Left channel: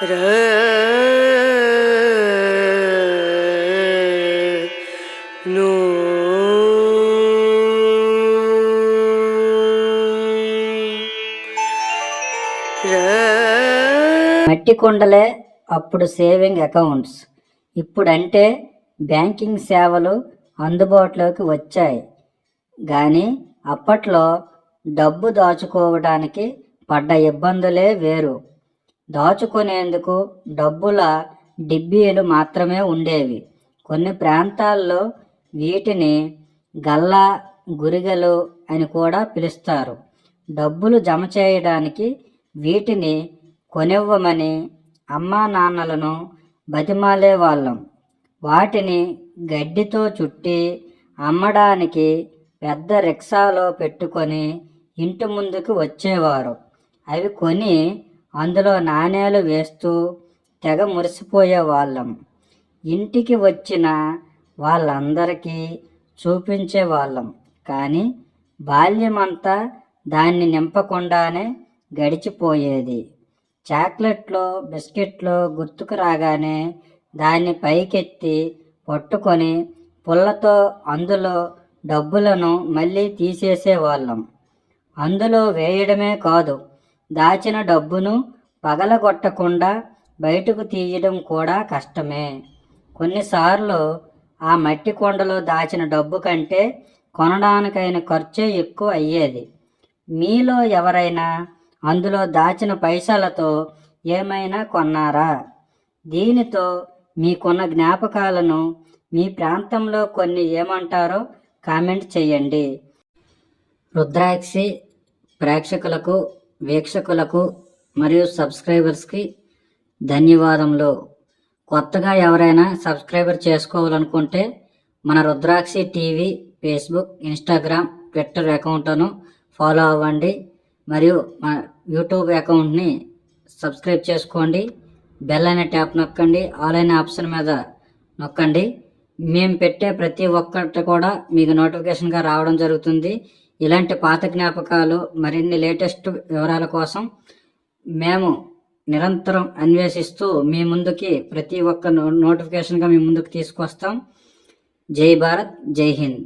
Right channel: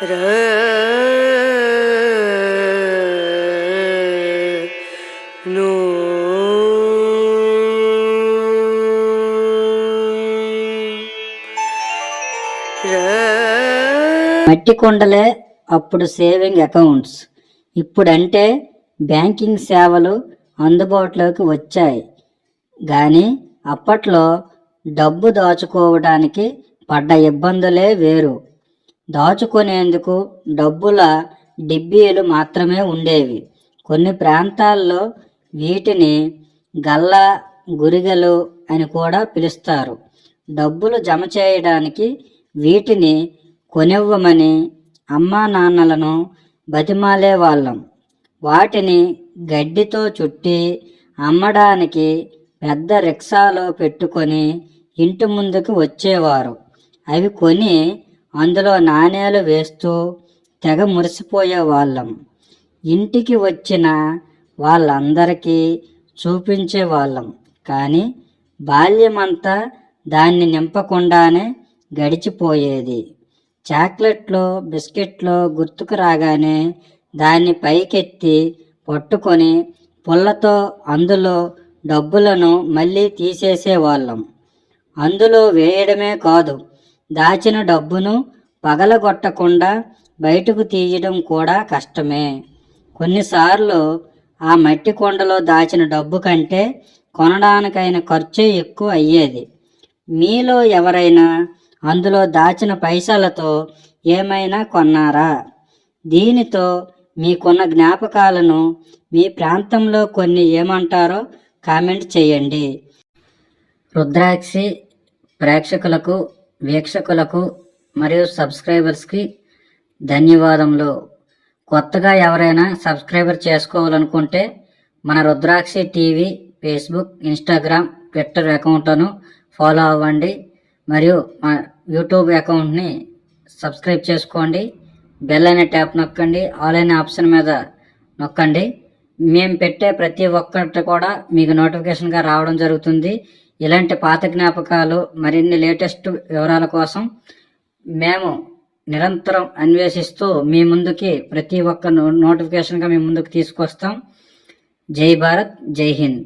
మట్టి కుండలే అప్పుడు saving accounts. ఇప్పుడంటే బ్యాంకింగ్ సేవలు అందుబాటులోకి వచ్చాయి. కానీ అప్పట్లో డబ్బు దాచుకోవడానికి పడ్డ ఇబ్బందులే వేరు. దాచుకునేందుకు డబ్బుల డిబ్బీలు మాత్రమే ఉండేవి. కొన్ని ప్రాంతాల్లో వీటిని గల్ల గురిగలు అని కూడా పిలుస్తారు. డబ్బులు జమ చేయడానికి వీటిని కొనివ్వమని అమ్మా నాన్నలను బతిమాలే వాళ్ళం. వాటిని గడ్డితో చుట్టి అమ్మడానికి పెద్ద రిక్షాలో పెట్టుకొని ఇంటి ముందుకు వచ్చేవారు. అవి కొని అందులో నాణేలు వేస్తూ తెగ మురిసిపోయే వాళ్ళం. ఇంటికి వచ్చిన వాళ్ళందరికీ చూపించే వాళ్ళం. కానీ బాల్యమంతా దాన్ని నింపకుండానే గడిచిపోయేది. చాక్లెట్లో బిస్కెట్లో గుర్తుకు రాగానే దాన్ని పైకెత్తి పట్టుకొని పుల్లతో అందులో డబ్బులను మళ్ళీ తీసేసేవాళ్ళం. అందులో వేయడమే కాదు దాచిన డబ్బును పగలగొట్టకుండా బయటకు తీయడం కూడా కష్టమే. కొన్నిసార్లు ఆ మట్టి కుండలో దాచిన డబ్బు కంటే కొనడానికైన ఖర్చే ఎక్కువ అయ్యేది. మీలో ఎవరైనా అందులో దాచిన పైసలతో ఏమైనా కొన్నారా? దీనితో మీకున్న జ్ఞాపకాలను మీ ప్రాంతంలో కొన్ని ఏమంటారో కామెంట్ చేయండి. రుద్రాక్షి ప్రేక్షకులకు వీక్షకులకు మరియు సబ్స్క్రైబర్స్కి ధన్యవాదములు. కొత్తగా ఎవరైనా సబ్స్క్రైబర్ చేసుకోవాలనుకుంటే మన Rudrakshi TV Facebook Instagram Twitter అకౌంట్ను ఫాలో అవ్వండి. మరియు మా యూట్యూబ్ అకౌంట్ని సబ్స్క్రైబ్ చేసుకోండి. బెల్ అనే ట్యాప్ నొక్కండి. ఆల్ అనే ఆప్షన్ మీద నొక్కండి. మేము పెట్టే ప్రతి ఒక్కటి కూడా మీకు నోటిఫికేషన్గా రావడం జరుగుతుంది. ఇలాంటి పాత జ్ఞాపకాలు మరిన్ని లేటెస్ట్ వివరాల కోసం మేము నిరంతరం అన్వేషిస్తూ మీ ముందుకి ప్రతి ఒక్క నో నోటిఫికేషన్గా మీ ముందుకు తీసుకొస్తాం. జై భారత్ జై హింద్.